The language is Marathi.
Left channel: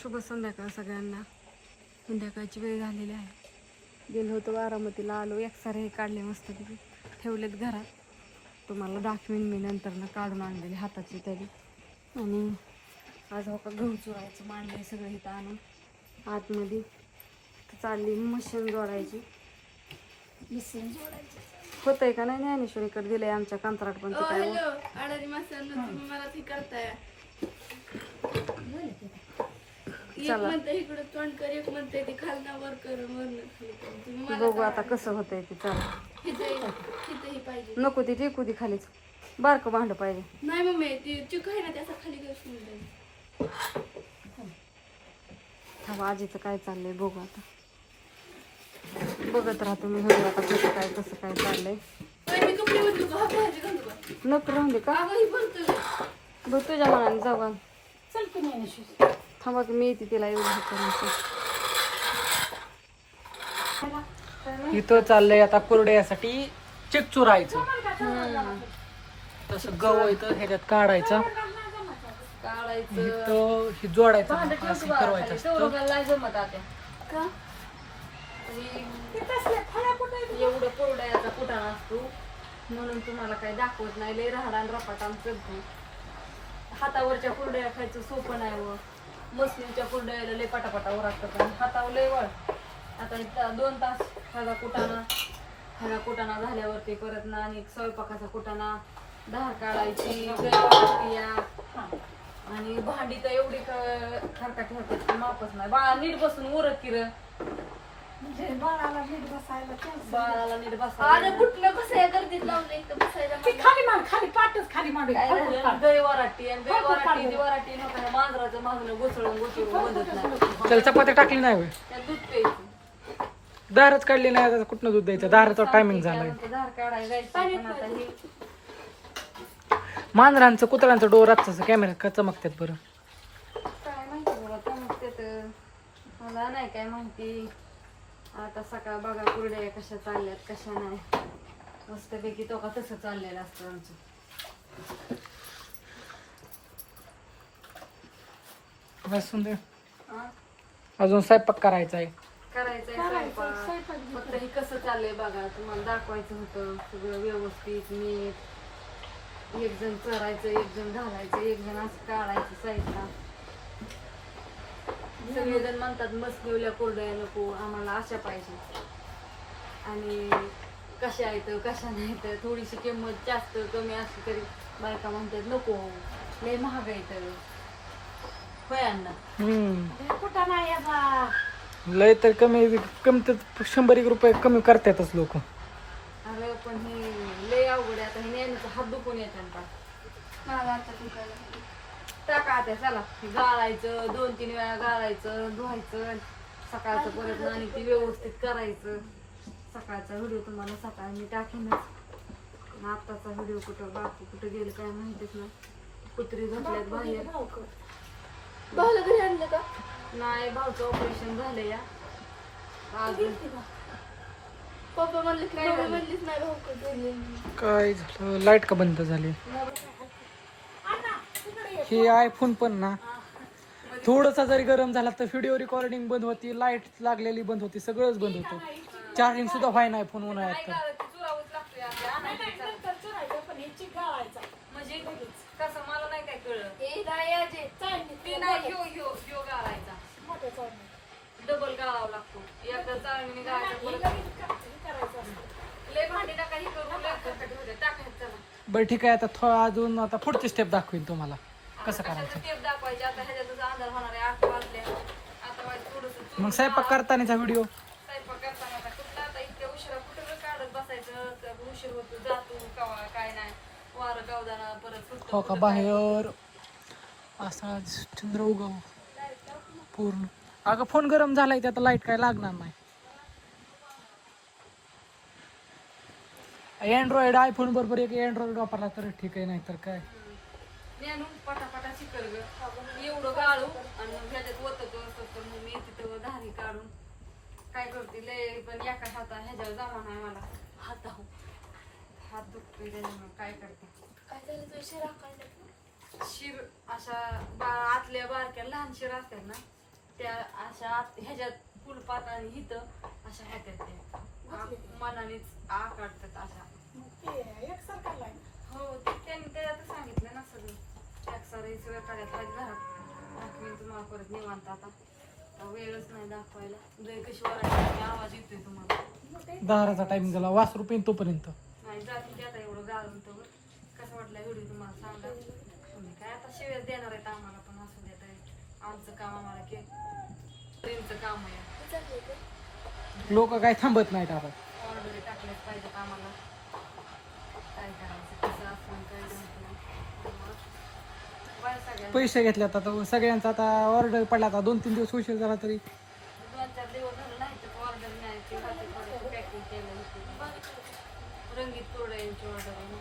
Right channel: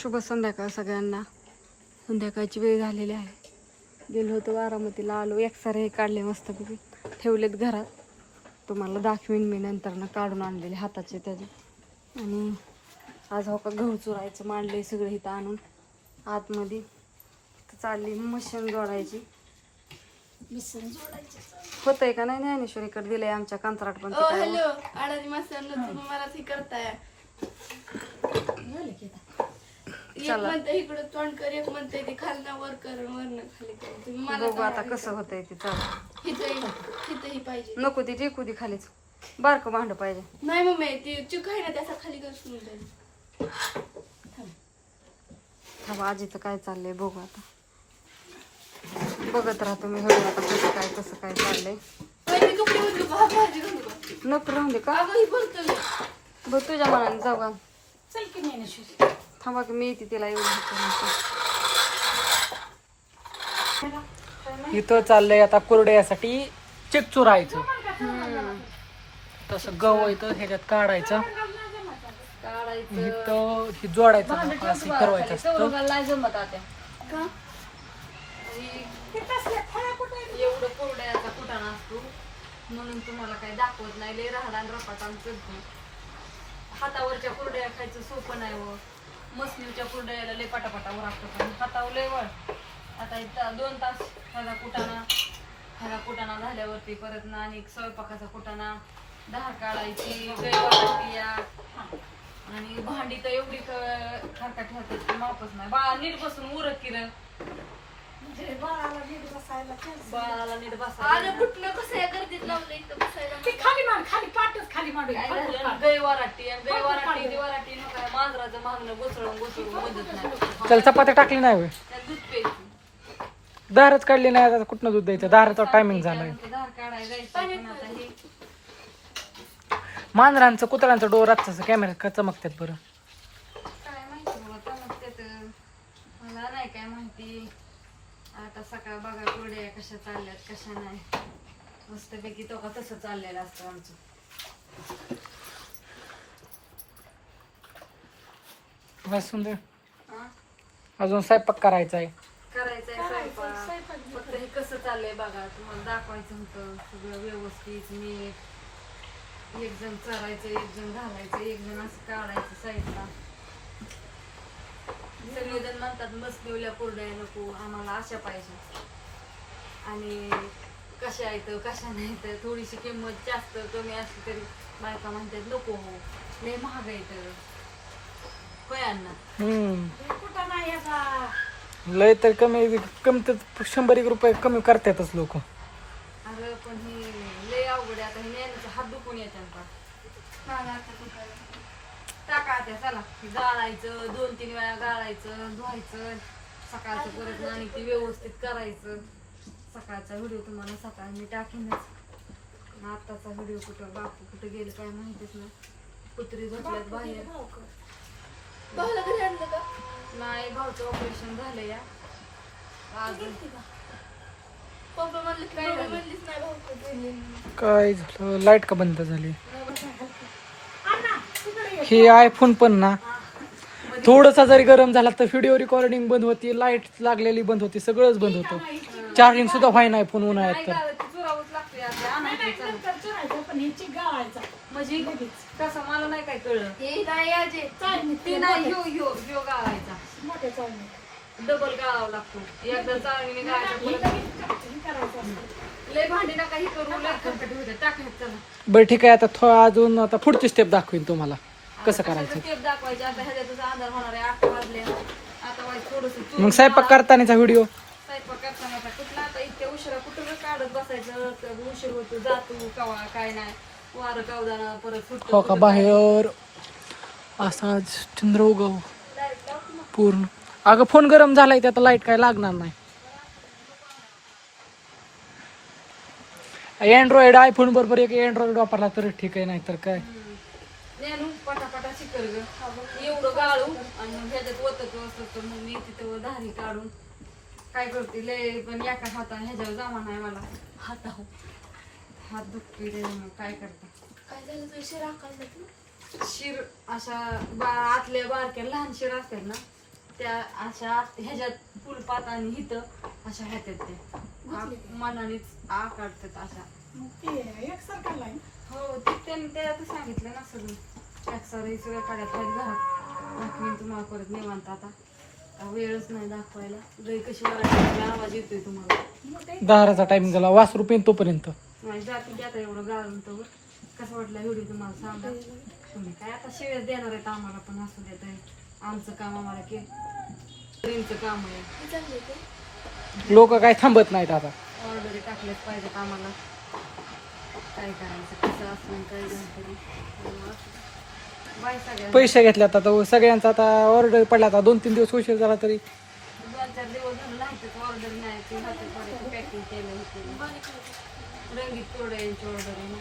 शुभ संध्याकाळ सगळ्यांना. संध्याकाळची वेळ झालेली आहे. गेलो होतो बारामतीला, आलो. एक्सरे काढले मस्तपैकी, ठेवलेत घरात. तुम्हाला दाखवीन मी नंतर ना, काढून आणलेले हाताचे तरी. आणि आज हो का गहू चुरायचं मांडले सगळे इथं आणून आतमध्ये. चालली मशीन जोडायची. होतंय का नाही ज्ञानेश्वरीकडे दिलंय आमच्या कंत्राट पण ते काय एक म्हणते इकडे तोंड कर, एक म्हणते ते खालना वर कर, वरनं खाली कर. तुम्ही बघू आता कसं होतंय ते. चला हिथही पाहिजे. नको ती टेकू दे खालीच, बारकं भांड पाहिजे. नाही मम्मी, ती चिक आहे ना त्याचा खाली कर म्हणते. थांबा आजीचं काय चाललंय बघू आता. बघत राहतो मी बघू आता कसं काय चाललंय. मी कपडे बदलू का? भाजी घालू का? नको राहून दे का? अगं ही बोलतो बघ तुझ्या मनाने जाऊ का. चल की नाही. थांबा की मी येते तिला एवढं इथं चाललंय आता कुरड्यासाठी चिक चुरायचं. तसं गहू इथं ह्याच्यात काढायचं, इथं हे जोडायचं, असं करवायचं असतं. एवढं कोरड्याचा कुटाणा असतो म्हणून तुम्हाला काही दाखवत नाही. लय राहडा आणि रपाटान चढतो. हातावरच्या कुरड्या खायचं सोपं नाही व मसलीच्या कुरड्याला लय पटापटा उरागतं, पण हातावर लय वळ. आता इथं 2 तास ह्याचा कुटाणा झाल्यावरती परत ना आणि स्वयंपाकाचा कुटाणा, डाळ काढायची, आणि भांडी तर एवढी खरका ठेवतात की मापच नाही. बाळा नीट बसून उरत किरण, बाळाला नीट बसायला मांजराच्या मागणं घुसळून मदत नाही. त्याला चपात्या टाकली नाही होय, दूध प्यायचं. दारच काढली नाही. आता कुठनं दूध द्यायचं, दाराचा टायमिंग झालाय. धार काढायला जायचं पण आता हे मांजरांचं कुत्र्यांचं डोर असं कॅमेरा का चमकतात बरं. काय माहिती बाबा, चमकतेत. मला नाही काय माहिती. आता सकाळ बघा कुरड्या कशा चालल्यात कशा नाही. मस्तपैकी तो का तसं चाललेलं असतं आमचं. बसून दे, अजून स्वयंपाक करायचा आहे. करायचंय स्वयंपाक. फक्त हे कसं चाललंय बघा, तुम्हाला दाखवायचं होतं सगळं व्यवस्थित नीट. एक जण चरायचं, एक जण घालायचं, एक जण असं काढायचं साईडला. सगळेजण म्हणतात मसलिवल्या कुरड्या नको आम्हाला, अशा पाहिजे. आणि कशा आहेत कशा नाही तर थोडीशी किंमत जास्त कमी असली तरी बायका म्हणतात नको, लय महाग आहे. होय अण्णा, लय तर कमी तर 100 रुपये कमी करतातच लोक. अगं पण हे लय अवघड आहे. आता नेहमीचं हात दुखून येतात. टाका आता, चला गाळायचं, 2-3 वेळा गाळायचं, धुवायचं, सकाळचं परत आणि ते व्यवस्थित करायचं. सकाळचा व्हिडिओ तुम्हाला सकाळी मी टाकीनच. आत्ताचा व्हिडिओ कुठं बापू कुठं गेलं काय माहितीच नाही. कुत्री झोपल्यात बाहेर. नाही, भाऊचं ऑपरेशन झालं या काय झालं, लाईट का बंद झाली. हे आयफोन पण ना थोडसा जरी गरम झाला तर व्हिडिओ रेकॉर्डिंग बंद होती, लाईट लागलेली बंद होती, सगळंच बंद होतं. चार्जिंग सुद्धा व्हाय नाही फोन उन्हाळ्यात तर. म्हणजे कसं मला नाही काय कळलं. डबल गाळावा लागतो. एकदा चाळणीने गाळायचा, लय भांडी नका ही करू, लय खरकटी होते. टाकायचं. बरं ठीक आहे, आता अजून आता पुढची स्टेप दाखवीन तुम्हाला कसं करायचं. स्टेप दाखवायचे. आता ह्याच्यातच अंधार होणार आहे. 8 वाजले. आता वाजता थोडस मग स्वयंपाक करतानाचा व्हिडिओ, स्वयंपाक करताना कुठला आता इतक्या उशिरा कुठं काढत बसायचं. उशीर होतो, जातो कवा काय नाही. वारं कावदाना परत फुटतो. हो का बाहेर असा चंद्र उगव पूर्ण. अगं फोन गरम झालाय, आता लाईट काय लागणार नाही. अँड्रॉइड आयफोन बरोबर एक अँड्रॉइड वापरला तर ठीक आहे, नाही तर काय. नेनू पटापटा शिकल ग. एवढं गाळू आणि ह्याच्यात वतत असतं. मग मी तिथं धारी काढून काय करते, लय पण एका हाता ह्याच्यावर जमा नाही मला. हात दुखते काय करते. काय झालं तुझी शिरा काढलं? शिर अशा आतल्या बारक्या लहान शिर असतात ना, त्या अशा ह्याच्यात फुलपात आणि हिथं अशा होत्यात त्या मनानेच आकाडतात अशा. हो ते त्यांनी त्यात सांगितलं ना सगळं एक्सर हे सगळं काढायला पाहिजे घरात. दाखवीन तुम्हाला परत निवांत आता वेळच नाही दाखवायला. लई कशी वाढायची आवाज येतोय तुम्हाला. दहाराचा टाइम गेला वासरू पेन तोपर्यंत. नाही जाती की आता एवढं घालून तर कसं वाटलं व्हिडिओ तुम्हाला सांगा. तुम्ही काय आता शिव्याच देणार आहेत आम्हाला पण असू देत आहे. आमचं काम आम्हाला केलं काम आहे. लोक काय थांबत नाहीत आता. ऑर्डर टाकलेच पाहिजेत आम्हाला. काय करायचं कसं असून काय गणपती बाय सगळ्या पैसे घेतल्यात आता सगळ्यांचा आता ऑर्डर पडला आता 2-3 दिवस उशीर झाला तरी 2-4 दिवस झालं नाही तर ऑर्डर नाही ते हातात पडायचं पॅकिंग केलं होतं. रंगीत तोड्यांची ऑर्डर आहे ना.